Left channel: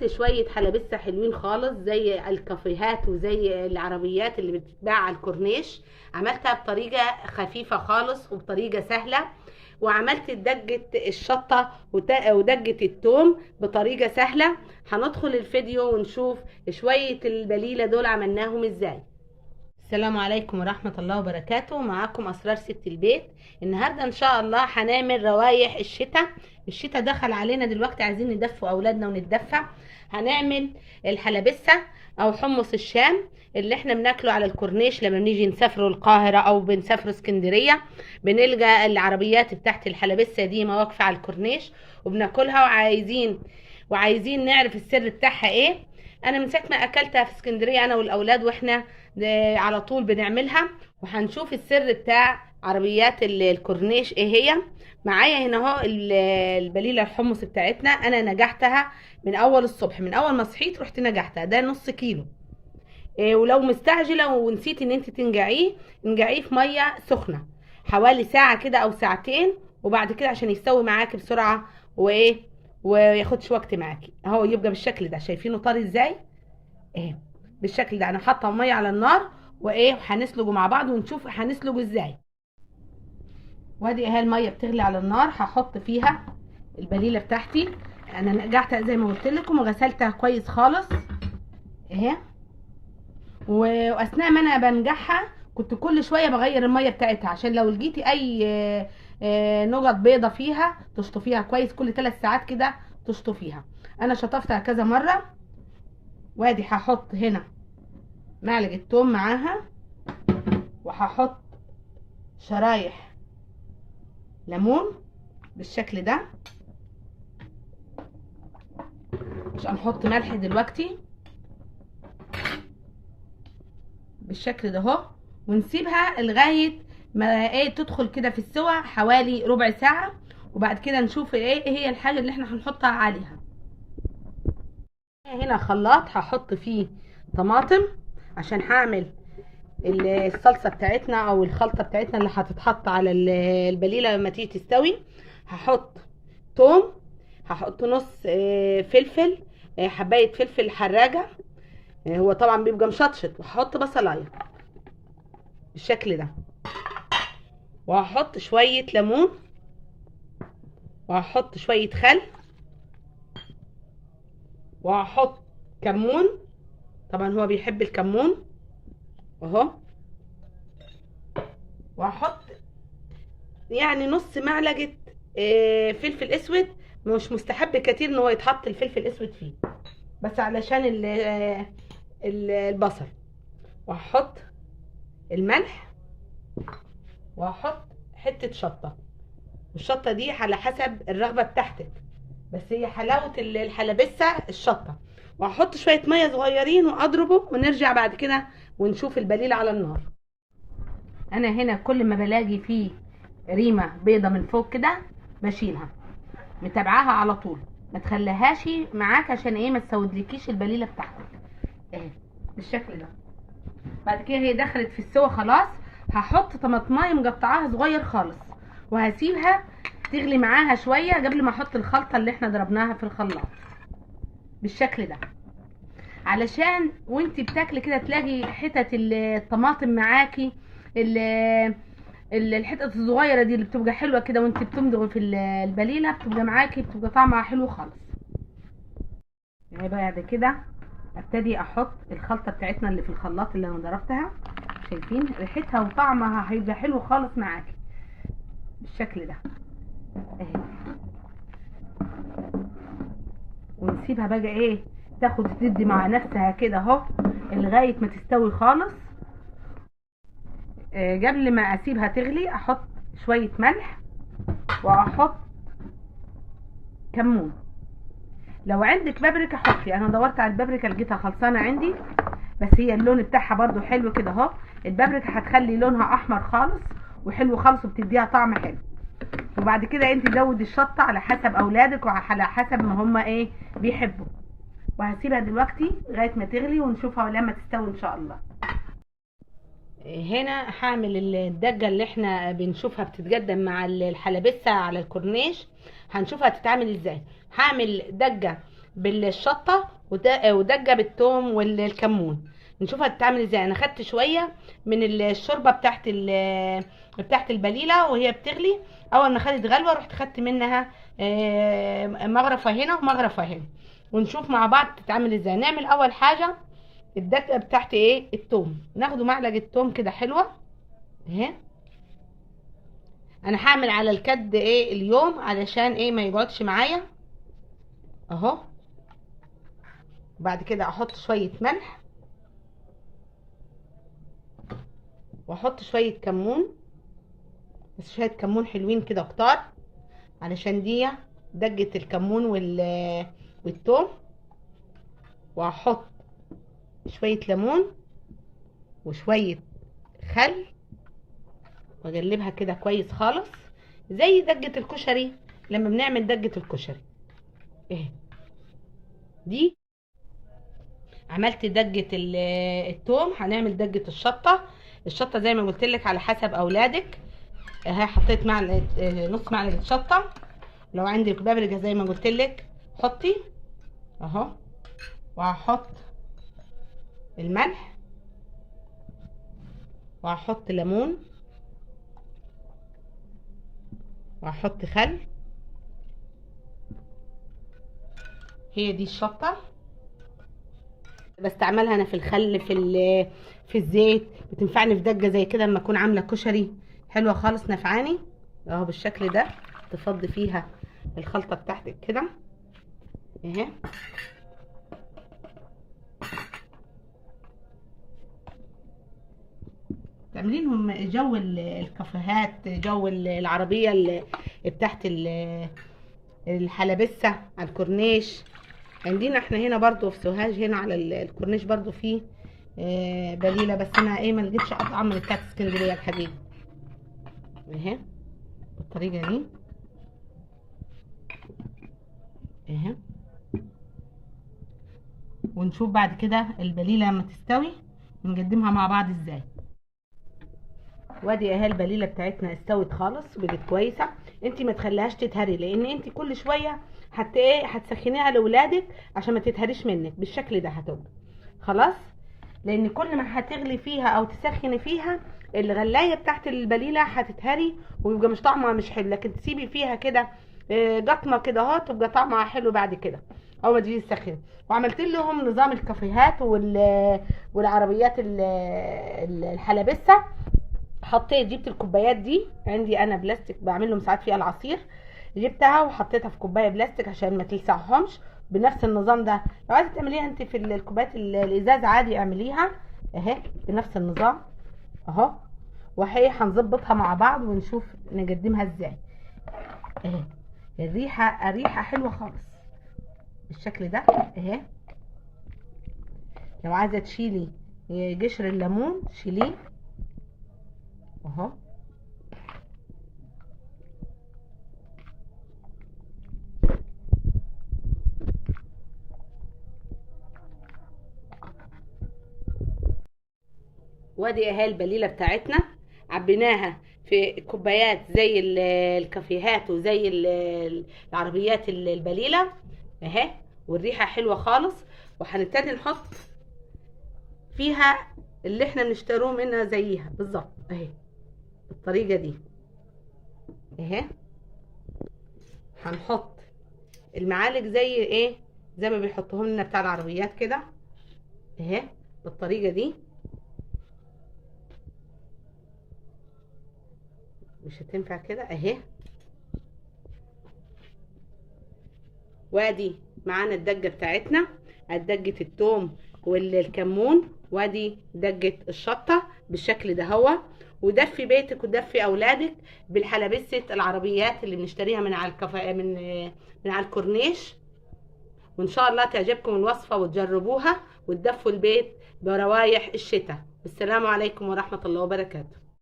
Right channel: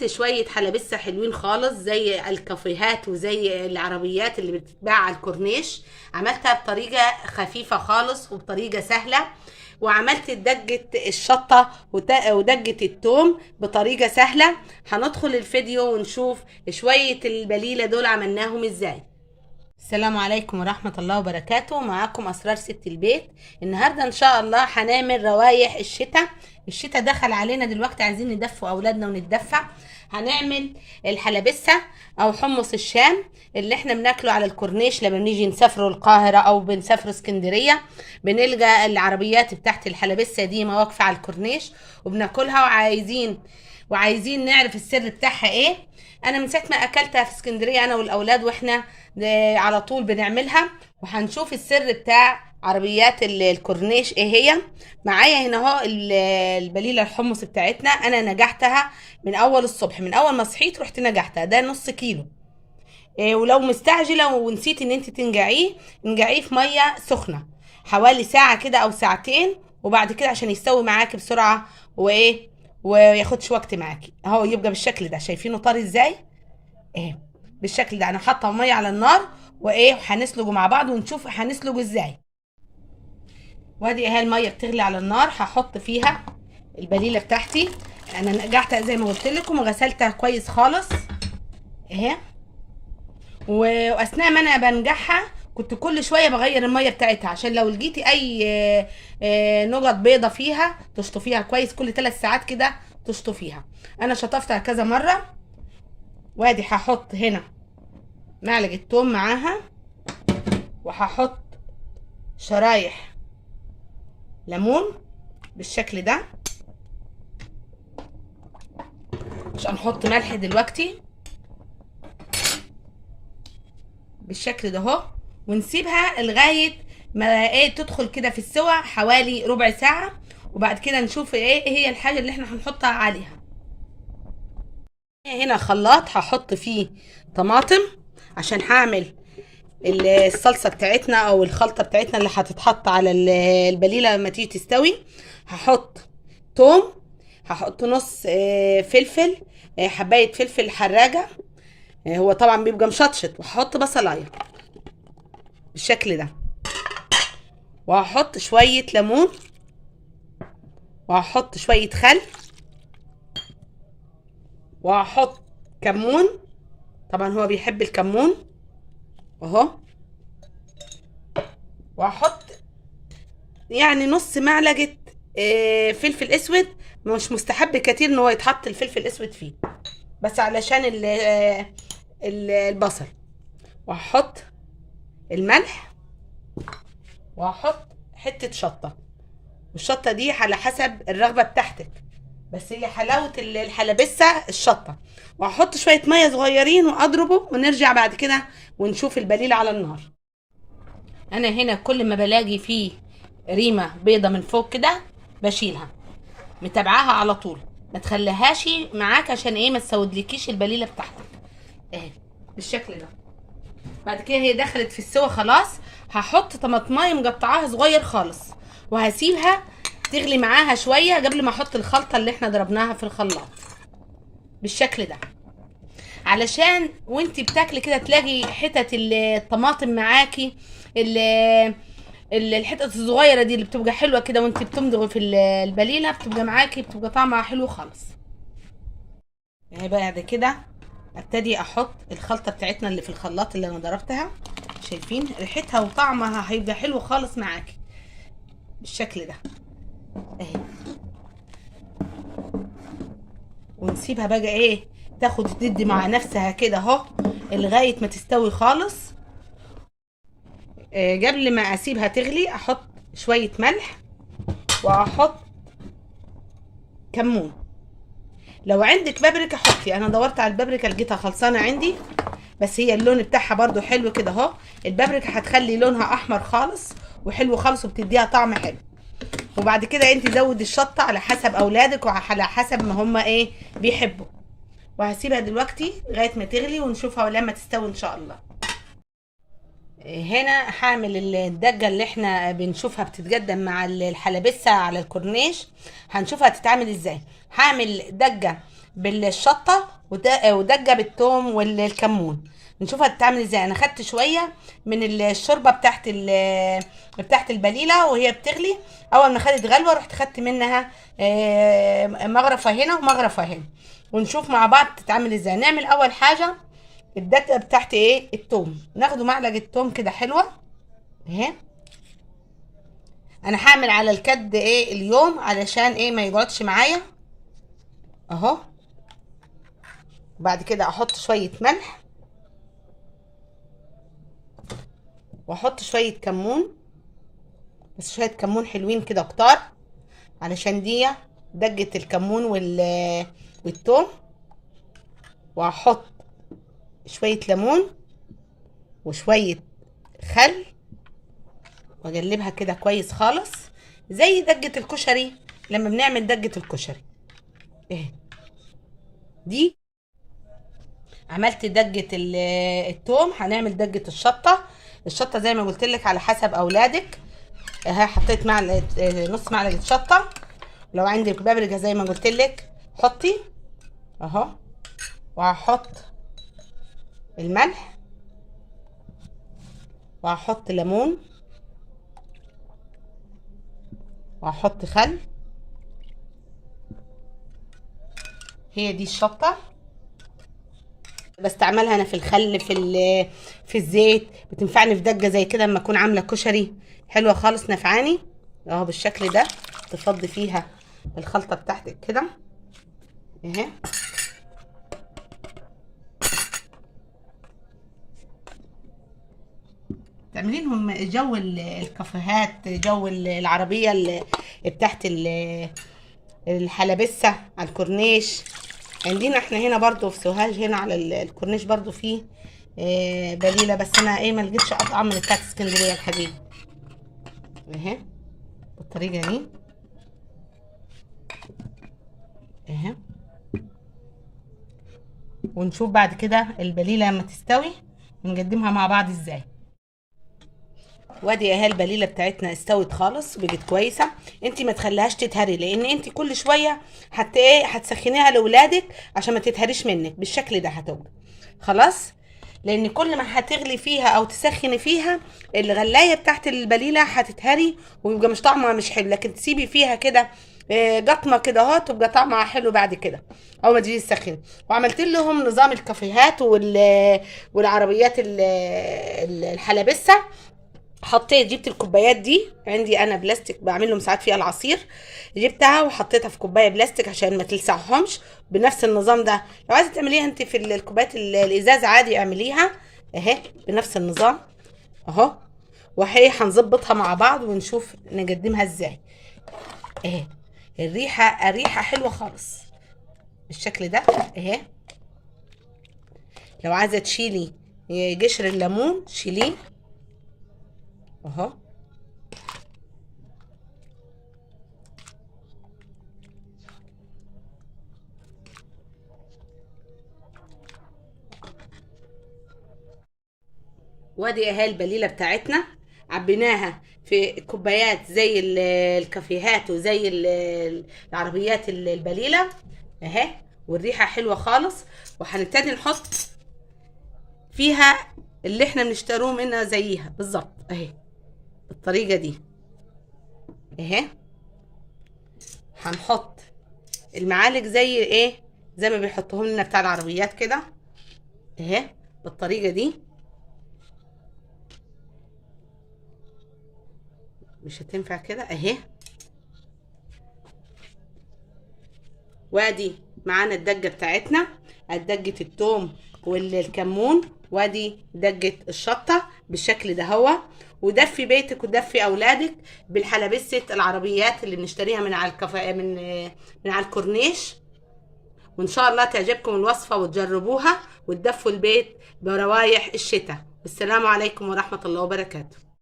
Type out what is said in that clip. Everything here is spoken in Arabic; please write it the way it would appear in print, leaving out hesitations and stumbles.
عملت شوية حلبسة حلوين خالص زي الكافيهات وزي العربيات اللي بتتباع على الكورنيش. عملتها بطريقة خفيفة خالص وبطريقة سهلة. وعملت دجة الشطة ودجة التوم بطريقة سهلة. هندخل الفيديو ونشوف شوية البليلة دول عملناهم ازاي. السلام عليكم ورحمة الله وبركاته. معاكم أسرار ست البيت. النهاردة إن شاء الله هنعمل روايح الشتاء. الشتاء دخل علينا دلوقتي، عايزين ندفوا أولادنا ونتدفى. هنعمل الحلبسة أو حمص الشام اللي احنا بناكله على الكورنيش لما بنيجي نسافروا القاهرة أو بنسافروا اسكندرية. بنلقى العربيات بتاعت الحلبسة دي مواقفة على الكورنيش وبناكلها، وعايزين نعرف السر بتاعها ايه. انا من ساعه ما اكلتها في اسكندريه انا والاولاد، واحنا على طول بنعملها. وهنشوف السر بتاع عربيات الكورنيش ايه هي. معايا هنا اهو البليله الحمص بتاعتنا. انا نجحتها من اول الصبح، من اول ما صحيت رحت نجحتها. ده نص كيلو. ولو مستعجله ونسيت ان انت انجعيه في ميه سخنه حوالي ساعه كده او ساعتين، وبعد كده عشان يستوي معاكي بسرعه وياخدش وقت معاكي. اهو يبقى بالشكل ده. شايفينه طري ازاي؟ ايه بالشكل ده. انا حاطه ميه على النار وهنسلقه مع بعض ونشوف هنسلقه ازاي. وادي اهي الميه بتغلي على النار. هحط فيها البليله بتاعتي. انا نقعتها زي ما قلت لكم وغسلتها كويس خالص اهي. واثناء ما انا بنجعها كنت كل شويه بغير الميه بتاعتها، عشان لو لقيتي اي نقط بيضه فيها تشطفيها كويس. كل 3 ساعات كده تشطفيها. انا شطفتها كذا مره. وادي هحط هنا معلقه توم معاها، وهحط شرايح ليمون بالشكل ده. مش هنحط ملح دلوقتي بالشكل ده اهو. ونسيبها لغايه ما تدخل كده في السوا حوالي ربع ساعه، وبعد كده نشوف ايه هي الحاجه اللي احنا هنحطها عليها. هنا خلاط هحط فيه طماطم عشان هعمل الصلصه بتاعتنا او الخلطه بتاعتنا اللي هتتحط على البليله لما تيجي تستوي. هحط توم، هحط نص فلفل، حبايه فلفل حراجه. هو طبعا بيبقى مشطشط. وهحط بصلايه بالشكل ده، وهحط شويه ليمون، وهحط شويه خل، وهحط كمون. طبعا هو بيحب الكمون اهو. وهحط يعني نص معلقه فلفل اسود. مش مستحب كتير ان هو يتحط الفلفل الاسود فيه، بس علشان البصل. وهحط الملح، وهحط حته شطه. الشطه دي على حسب الرغبه بتاعتك، بس هي حلاوه الحلبسه الشطه. وهحط شويه ميه صغيرين واضربه، ونرجع بعد كده ونشوف البليله على النار. انا هنا كل ما بلاقي فيه ريمه بيضه من فوق كده بشيلها، متابعاها على طول. ما تخليهاش معاك عشان ما تسودلكيش البليله بتاعتك اهي بالشكل ده. بعد كده هي دخلت في السوا خلاص. هحط طماطمايه مقطعاها صغير خالص، وهسيبها تغلي معاها شويه قبل ما احط الخلطه اللي احنا ضربناها في الخلاط بالشكل ده، علشان وانتي بتاكلي كده تلاقي حتت الطماطم معاكي. الحتت الصغيره دي اللي بتبقى حلوه كده وانتي بتمضغي في البليله، بتبقى معاكي، بتبقى طعمها حلو خالص. يعني بعد كده ابتدي احط الخلطه بتاعتنا اللي في الخلاط اللي انا ضربتها. شايفين ريحتها وطعمها هيبقى حلو خالص معاكي بالشكل ده اهي. ونسيبها بقى تاخد تدي مع نفسها كده اهو لغايه ما تستوي خالص. قبل ما اسيبها تغلي احط شويه ملح، واحط كمون. لو عندك بابريكا حطي. انا دورت على البابريكا لقيتها خلصانه عندي، بس هي اللون بتاعها برضو حلو كده اهو. البابريكا هتخلي لونها احمر خالص وحلو خالص وبتديها طعم حلو. وبعد كده انت زود الشطه على حسب اولادك وعلى حسب ما هم بيحبوا. وهسيبها دلوقتي لغايه ما تغلي ونشوفها لما تستوي ان شاء الله. هنا هعمل الدجه اللي احنا بنشوفها بتتقدم مع الحلبسه على الكورنيش. هنشوفها تتعمل ازاي. هعمل دجه بالشطه ودجه بالثوم والكمون. نشوف هتتعمل ازاي. انا خدت شويه من الشوربه بتاعت البليله وهي بتغلي. اول ما خدت غلوه رحت خدت منها مغرفه هنا ومغرفه هنا، ونشوف مع بعض تتعمل ازاي. نعمل اول حاجه الدقه بتاعت الثوم. ناخده معلقه ثوم كده حلوه اهي. انا هعمل على الكد اليوم علشان ما يقعدش معايا اهو. بعد كده احط شويه ملح واحط شويه كمون، بس شويه كمون حلوين كده كتار علشان دي دجه الكمون والثوم. وهحط شويه ليمون وشويه خل واقلبها كده كويس خالص زي دجه الكشري لما بنعمل دجه الكشري اهي. دي عملت دجه الثوم. هنعمل دجه الشطه زي ما قلت لك على حسب اولادك اهي. حطيت نص معلقه شطه. لو عندك بابريكا زي ما قلت لك حطي اهو. وهحط الملح وهحط ليمون وهحط خل. هي دي الشطه بستعملها انا في الخل في الزيت. بتنفعني في دجه زي كده لما اكون عامله كشري حلوه خالص نفعاني اهو بالشكل ده. تفضي فيها الخلطه بتاعتك كده اهي. تعملي لهم جو الكافيهات، جو العربيه بتاعت الحلبسه على الكورنيش. عندنا احنا هنا برضو في سوهاج هنا على الكورنيش برضو في بليله، بس انا ما لقيتش اطعم من بتاعت اسكندريه الحبيب اهي بالطريقه دي اهي. ونشوف بعد كده البليله لما تستوي ونقدمها مع بعض ازاي. وادي اهي البليله بتاعتنا استوت خالص وبقت كويسه. انت ما تخليهاش تتهري لان انت كل شويه هتسخنيها لاولادك عشان ما تتهريش منك. بالشكل ده هتبقى خلاص، لان كل ما هتغلي فيها او تسخني فيها الغلايه بتاعت البليله هتتهري ويبقى مش طعمها مش حلو. لكن تسيبي فيها كده قطمه كده اهو تبقى طعمها حلو بعد كده اول ما تيجي تسخني. وعملت لهم نظام الكافيهات والعربيات الحلبسه. جبت الكوبايات دي عندي انا بلاستيك بعمل لهم ساعات فيها العصير. جبتها وحطيتها في كوبايه بلاستيك عشان ما تلسعهمش. بنفس النظام ده لو عايزه تعمليها انت في الكوبايات الازاز عادي اعمليها اهي بنفس النظام اهو. وهي هنظبطها مع بعض ونشوف نقدمها ازاي اهي. الريحه حلوه خالص بالشكل ده اهي. لو عايزه تشيلي قشر الليمون شيليه اهو. وادي اهي البليله بتاعتنا عبيناها في كوبايات زي الكافيهات وزي العربيات البليله اهي. والريحه حلوه خالص. وهنبتدي نحط فيها اللي احنا بنشتروه منها زيها بالظبط اهي بالطريقه دي اهي. هنحط المعالق زي ما بيحطوهم لنا بتاع العربيات كده اهي بالطريقه دي. مش هتنفع كده اهي. وادي معانا الدجه بتاعتنا، دجه الثوم والكمون، وادي دجه الشطه بالشكل ده هو. ودفي بيتك ودفي اولادك بالحلبسه العربيات اللي بنشتريها من على من على الكورنيش. وان شاء الله تعجبكم الوصفه وتجربوها وتدفوا البيت بروايح الشتاء. والسلام عليكم ورحمه الله وبركاته.